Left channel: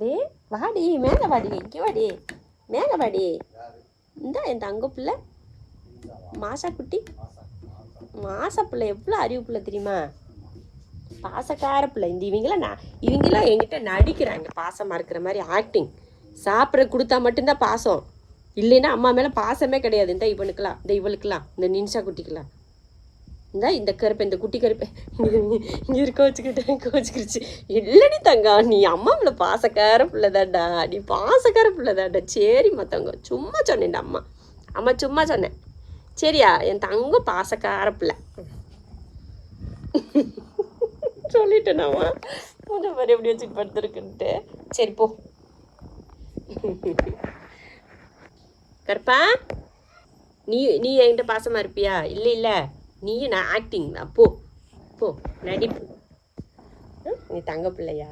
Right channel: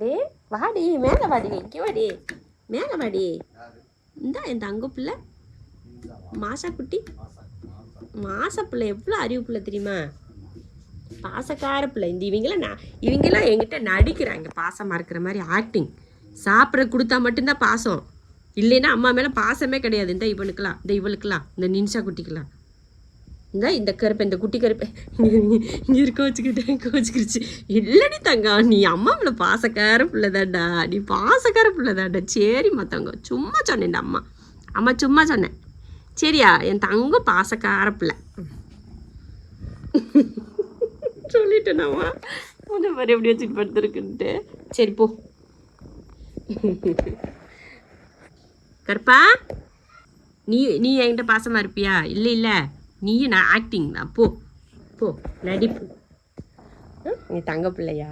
டே வாடி மேலே வாடி இங்கே வாடி மேலே வாடி இந்தா என் தங்க பிள்ளை மாசா குட்டி மாசா பிள்ளை எவ்வளோ அறிவு பிள்ளை தெரியுமா பாசக்கார பிள்ளை இந்த இவங்கெல்லாம் என்கிட்ட நடிக்கிறாங்க பாசமாக இருக்கிற மாதிரி ஆக்டிங் சாப்பிட்ற கொடுத்தா மட்டும்தான் பாசம் இல்லைன்னா அம்மா மேலே பாசமே கிடையாது இந்த இவனுக்கெல்லாம் இந்த இவளுக்கெல்லாம் இந்த நின்ஷா குட்டிக்கெல்லாம் இந்த கருப்பை இந்த குட்டி கருப்பை இங்கே இருக்க கோச்சிக்கிருச்சு இல்லடி தங்கா நீ அம்மா மேலே பாசக்கார பிள்ளைதாண்டா நீ பாசக்கார பிள்ளைதாண்டா சரிம்மா தங்கம் சும்மா சொன்னேன்டா அம்மா சும்மா சொன்னேன் சரியா என் தங்கம் பாசக்கார பிள்ளை சொல்லிட்டேனாம்மா கொஞ்சம் மாதிரி எப்படி வச்சுட்டு படுத்துருக்குன்ட்டு சரி போ கருப்பா நீ என்கிட்ட பாசமாக இருப்பியா இல்லை நீயும் நான் ஆக்டிங் தான் போ நடிப்பு நீ தங்க பிள்ளையா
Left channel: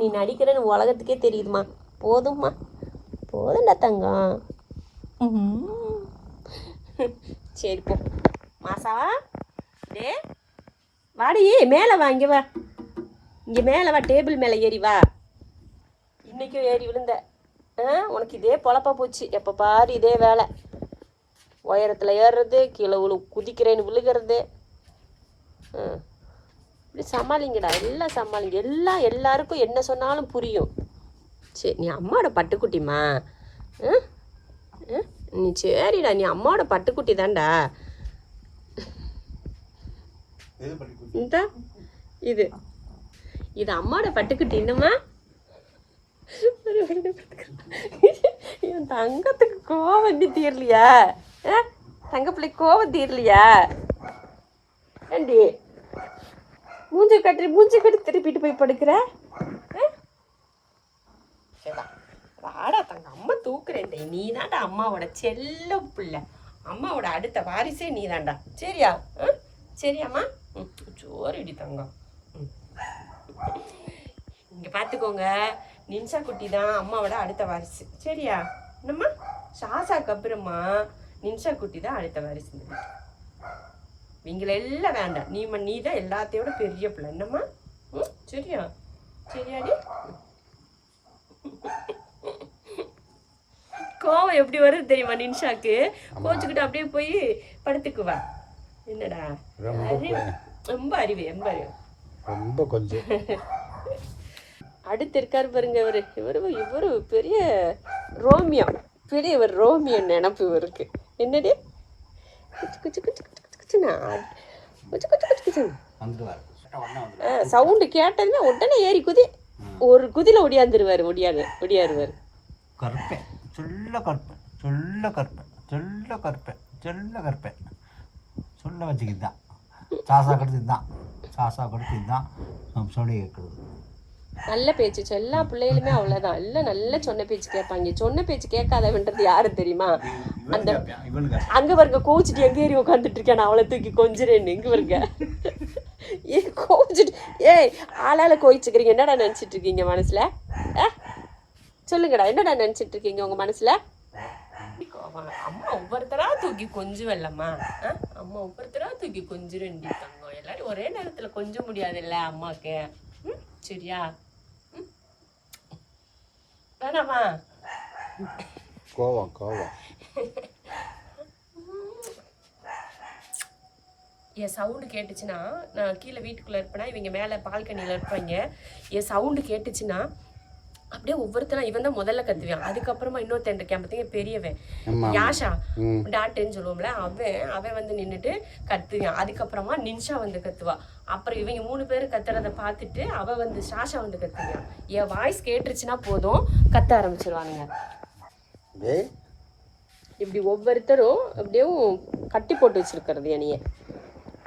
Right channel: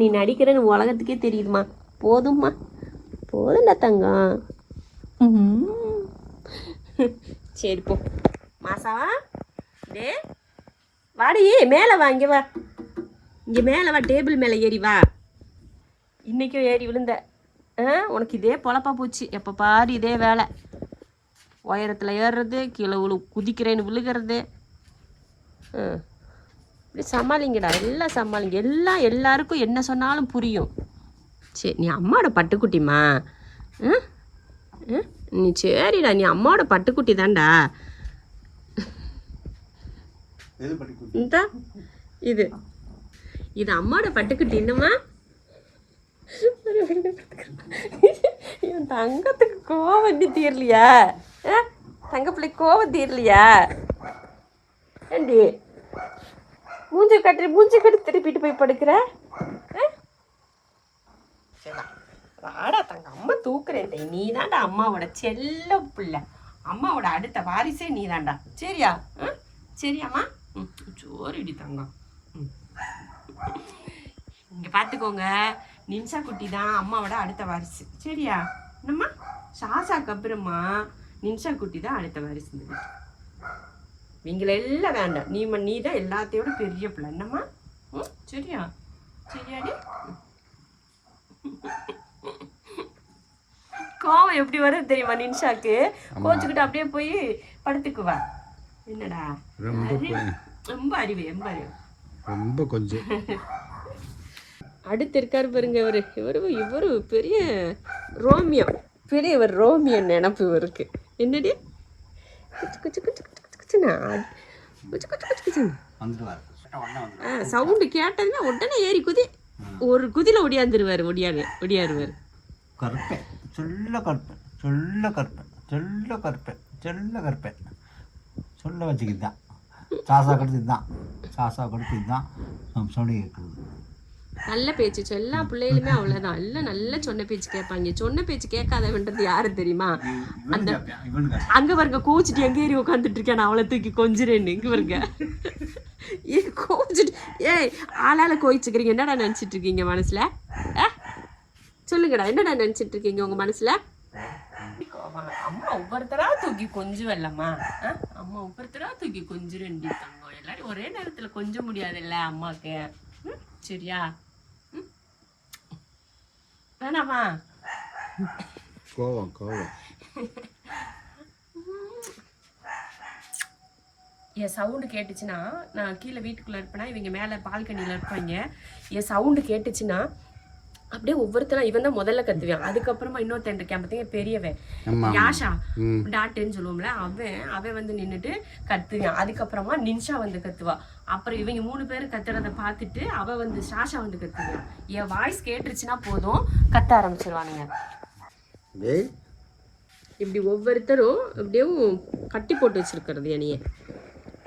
நீ நடிக்கிறன்னு உலகத்துக்கே தெரியுதுமா போதும்டா தங்கம் சரி போ மாசாவா டே வாடி மேலே வா இங்கே வா மேலே வா டேபிள் மேலே ஏறி வா இன்றைக்கும் ஏறி விழுந்த உனக்கு இதே பொழப்பா போச்சு எப்போ பாரு இதே வேலை உயரத்தில் ஏறுறது கீழே குதிக்கிறேன்னு விழுகிறது இப்படி சமாளிங்கடா எல்லாம் சமாளிங்க எல்லாருக்கும் என்ன சொன்னாலும் புரியும் சரி நீ அம்மாவோட பட்டுக்குட்டிம்மா நீ சரிடா நீ அம்மாவோட பட்டுக்குட்டி தான்டா இது அம்மாவோட பட்டுக்குட்டி இன்னுமா என் தங்கத்துக்கு கோவம் தீரலையா தங்க பிள்ளை கோவம் தீரலையா ஏண்டி மூஞ்சி கட்டி திருப்பிட்டு போய் படுக்கிற வாடா தங்க அம்மா தூக்குறேன்டே நீ தான்டா அம்மாவோட செல்ல பிள்ளை அம்மாவோட அடுத்த வாரிசே நீ தான்டா சரியா சரியாம்மா சோறிடி தங்கம் இங்கே பார்த்துக்கோங்க நின்ஷா குட்டி தான் அம்மாவோட அடுத்த வாரிசு சரியா என்னம்மா சாசாக்கு அப்புறமா நின்ஷா குட்டி தான் அடுத்த வாரிசு இவங்களெல்லாம் வேண்டாம் நீ தான் எல்லாத்தையோட பெரிய பிள்ளை என்னம்மா சரியாடி கோவம் எப்படி வருது தெரியுமா நின்ஷாக்கு கோச்சுக்கிட்டு அப்படியே போய் படுத்துக்குவா என்னடா ரொம்ப அறிவு ரொம்ப கொஞ்சம் அடுத்து இருக்காரு பாருங்க இவரு பெரிய ரோமியோ நினப்பு இவருக்கு என்னடி சவுண்டு கேட்டதுன்னா உடனே ஏறி ஒரு குதில ஒடியாருவாரு சொல்ல வச்சுக்கிதான் சாசா கடுத்து இதுதான் சொல்லி கேட்கறது நல்ல பேச்சு எல்லா பிள்ளைகளுமே அவ்வளவுதான் எல்லாம் நல்ல சொன்ன பேச்சு கேட்பாங்க சொன்ன பேச்சு கேட்காதவன்றது யாரு தெரியுமா அந்த அங்க பாருங்க கோச்சிட்டு எங்க ஏறி உட்காந்துட்டு இருக்கேன் அவளை தூக்கி கொஞ்சிறேன்னு இங்க பாருங்க கோச்சிட்டு ஆளால கோயிச்சுக்கிறீங்க என்னடா நினைச்சிட்டு இருக்கீங்க மனசுல சொல்லுங்கடா என்னடா நினைச்சிட்டு இருக்கீங்க உங்க மனசுல அம்மா ஒவ்வொருத்தரா தூக்கி கொஞ்சம் இல்லம்மா அம்மா ஒவ்வொருத்தரா தூக்கி கொஞ்சம் ரெண்டு தங்கம் எல்லாரும் ஒரே நேரத்துல கொஞ்சம் முடியாது இல்ல அம்மாக்கு சரியா வேணாமா கோவம் என் சவுண்டு கேட்டுச்சுன்னா நான் கீழே வீட்டுக்குள்ள இருப்பேன்னா இவங்க மேல பால்கனியில இருப்பாங்க என் சவுண்டு கேட்டுச்சுன்னா அப்படியே ஒவ்வொருத்தரும் இவன் தான் முதல்ல கத்துவான் அதுக்கப்புறமா இன்னொருத்தன் இருக்கேன் பார்த்தீங்க பெரியவன் யாஷா டாட்டுன்னு சொல்லுவோம்ல அவன் வந்து நின்றுட்டு கத்துவான் அதுக்கப்புறமா நின்ஷா வந்து கத்துவா அப்புறம் இவங்க 3 பேர் கத்துறத பார்த்துட்டு அவ வந்து சாஷா வந்து கத்துவான் என் வாய்ஸ் கேட்டுருச்சுன்னா போதும் கத்த ஆரம்பிச்சிருவாங்க இப்படி ஒவ்வொருத்தரும் அப்படியே கட்டி போட்டு வச்சிருக்கிறது என்னைய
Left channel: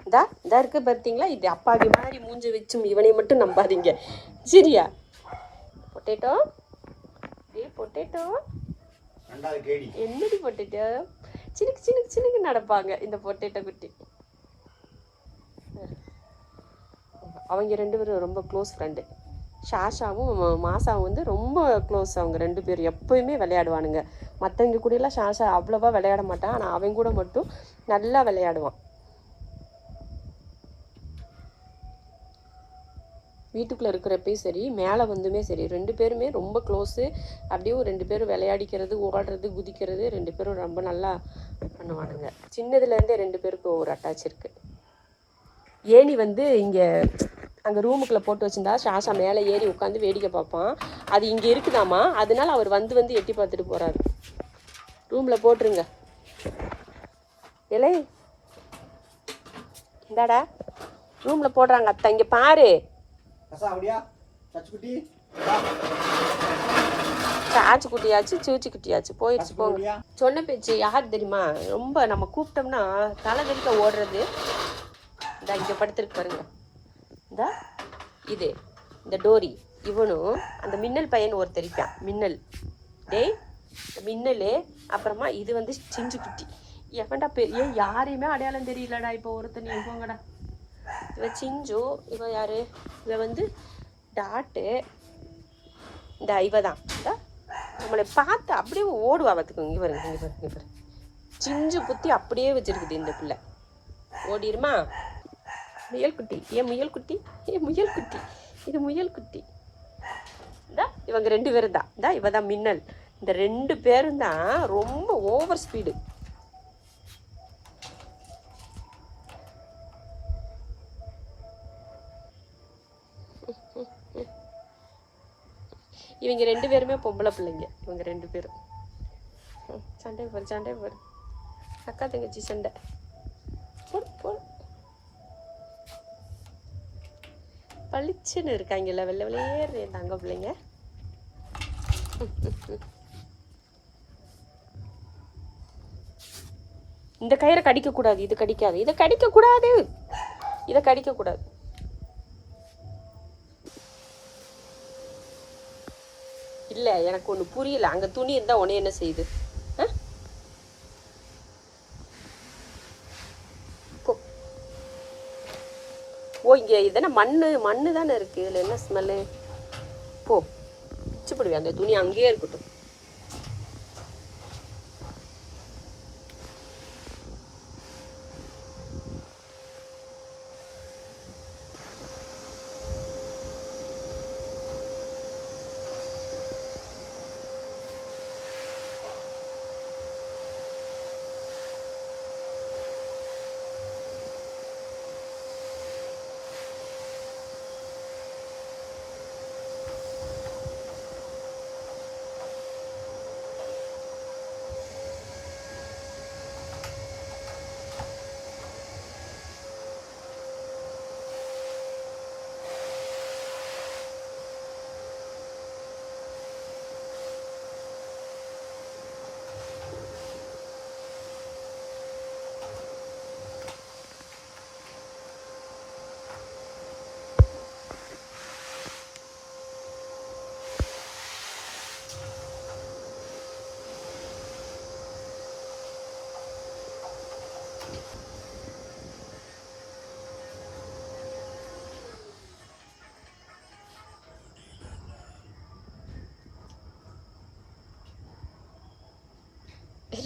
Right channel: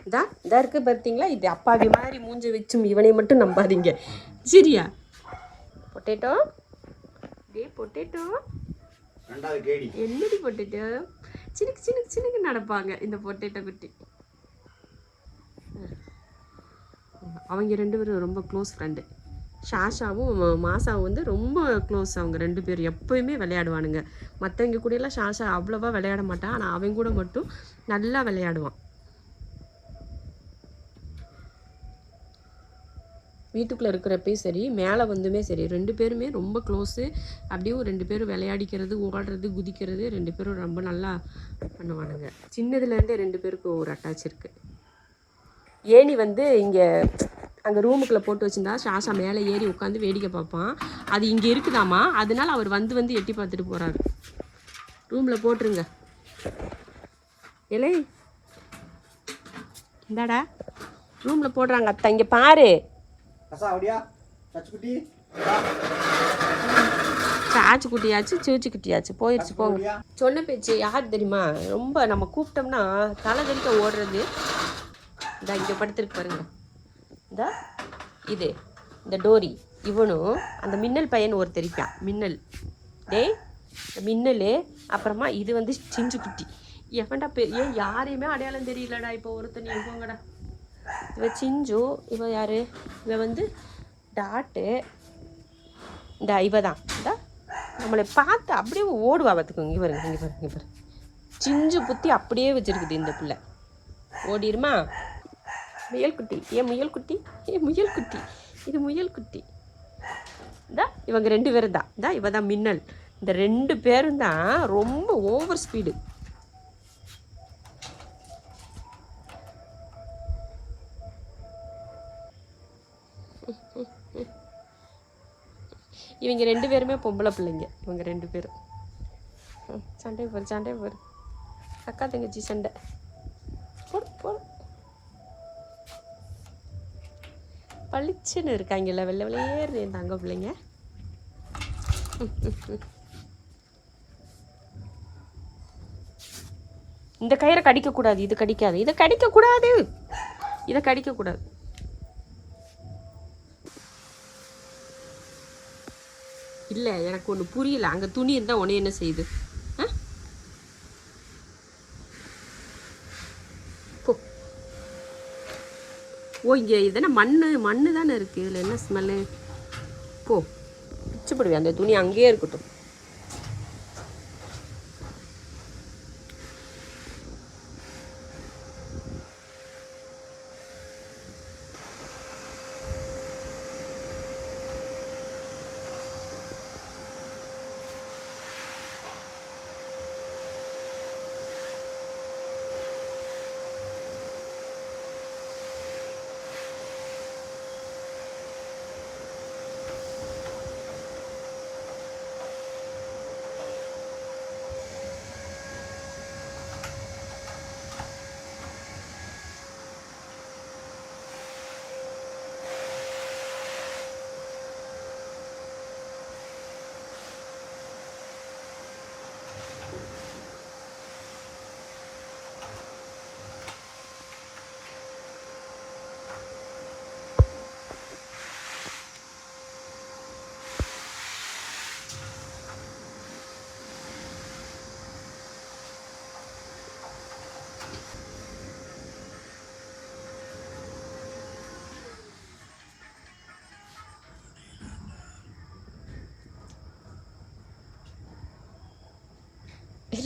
இதா இருக்கு பார்த்தீங்களா இது அப்பாவி மாதிரி மூஞ்ச வச்சும் இவனை மட்டும் நம்பாதீங்க சரியா பொட்டேட்டோ என்னடி பொட்டேட்டோ சின்னுக்கு நடப்பாங்க இந்த பொட்டேட்டோ குட்டி அவங்க 2 பேரும் ரொம்ப க்ளோஸ் ஃப்ரெண்டு ஷாஷாவும் மாசாவும் வந்து ரொம்ப க்ளோஸ் அவங்க 2 பேரும் எப்பயுமே விளையாடுவானுங்க மற்றவங்க கூட எல்லாம் ஷாஷா அவ்வளவா விளையாட மாட்டான் ஆனால் அவன் கூட மட்டும் நல்லா விளையாடுவான் வீட்டுக்குள்ளே இருக்கிறப்பையும் சரி மேலே வந்துமே சரி 2 பேருமே ரொம்ப க்ளோஸு. அப்படியே 2 பேரும் விளையாடிக்கிறது, ஓடுறது, குதிக்கிறது 2 பேரும் ரொம்ப நல்லா பண்ணுவானுங்க. சின்னதுலேருந்தே 2 பேருக்கும் ஒரு அட்டாச் இருக்குது. ஏணி வந்து இங்கே அங்கே ரூமுக்குள்ளே போட்டு வச்சுருந்தா ஷாஷா மேலே ஏறி உட்காந்து வேடிக்கை பார்ப்பான். அது இங்கே இருக்குதாம்மா, அதனால அவர் வந்து எட்டி பார்த்துட்டு போகிறாரு. ரூமில் போட்டுருங்க. இலை இந்தாடா ரூமில் போடுறாங்க அத்தை. இங்கே பாரு, சாச்சு குட்டியாச்சு சூச்சி குட்டியாச்சு போயிடுச்சு. போங்க. சொன்ன பேச்சு யார் தெரியுமா? ரொம்ப நம்ம கூப்பிட்டோம்னா தலை தெறிக்க ஓடுறது. இந்த இங்கே படுத்துருக்கு பாருங்க. இது இந்த டோரி இவனும் அந்த மின்னல் பையன் ஒரு தெரிப்பான். மின்னல் டேய் மின்னல். அப்புறமா இது வந்து சிஞ்சு குட்டி. எவன்டா ஏன் யாரையுமே அடையாளம் தெரியலடா. இப்போ ஒருத்தன் போங்கடா. இவ சிஞ்சு. இவ யாரு? இவ வந்து டாட்டு. இந்த இவ தான் இந்த நம்மளை பார்த்து அப்படியே ஓடுவா. பார்த்துக்கோங்க. இங்கே பாருங்க, இங்கே பாருங்க, இங்கே பாருங்க. சிஞ்சு குத்தி அப்படியே வச்சிருக்குது இந்த பிள்ளை. ஓடிடுமா? முயல் குட்டி. ஏன் முயல் குட்டி? முயல் குட்டி. இது முயல் குட்டி. இவங்க 2 பேரும் தான். இவ தான் மின்னல். இந்த 2 பேரும் தான் ரொம்ப ஓவர் ஸ்பீடு. இவங்க 2 பேருமே பொம்பளை பிள்ளைங்க. இவங்க 2 பேரும் சண்டை போடு. அக்கா தங்கச்சி சண்டை போடு. பளிச்சுன்னு இருக்காங்கல்ல, வெள்ளை வெள்ளையேறு தங்க பிள்ளைங்க. இந்த கயிறை கடிக்கக்கூடாது. இது கடிக்காது. இதை கடிக்கக்கூடாது. இதை கடிக்கக்கூடாது. இல்லை, எனக்கு ஒன்று புரியல. அங்கே துணி இருந்தால் உடனே என்ன செய்யுது? ஓ, இங்கே இதென்ன மண்ணு தானே இருக்குது. இதில் என்ன ஸ்மெல்லு? போ, பிச்சு போடுவேன். அந்த துணி அங்கேயே இருக்கட்டும்.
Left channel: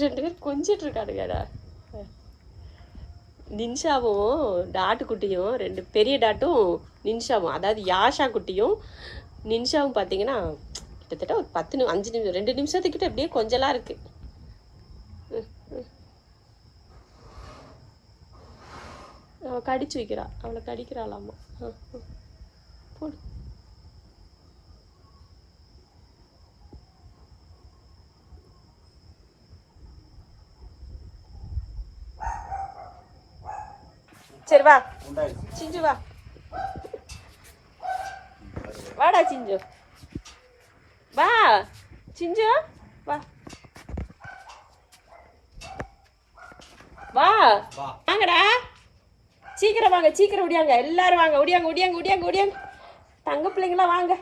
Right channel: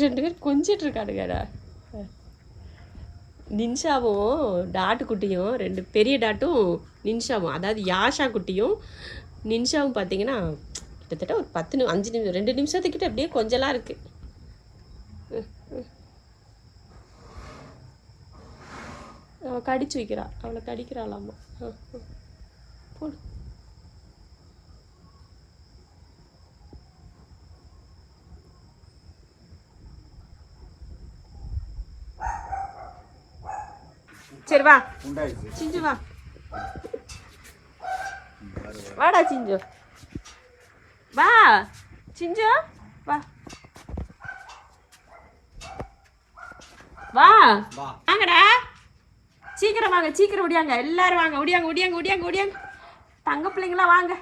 ரெண்டு பேரும் கொஞ்சிட்டு இருக்கானுங்கடா. நின்ஷாவும் டாட்டு குட்டியும், ரெண்டு பெரிய டாட்டும் நின்ஷாவும், அதாவது யாஷா குட்டியும் நின்ஷாவும் பார்த்தீங்கன்னா கிட்டத்தட்ட ஒரு 5 நிமிஷம் 2 நிமிஷத்துக்கிட்ட அப்படியே கொஞ்சலாம் இருக்கு. அவள் கடிச்சு வைக்கிறா, அவளை கடிக்கிறாளாமா. போடு. சரி வா சிஞ்சு, வா வாடா சிஞ்சு, வா சிஞ்சு, வா வா வாங்கடா, சீக்கிரம் வாங்க, சீக்கிரம் ஒடியாங்க, எல்லாரும் வாங்க, ஒடியாங்க ஒடியாங்க ஒடியாங்க ஒடியாங்க, தங்க பிள்ளைங்களா வாங்க.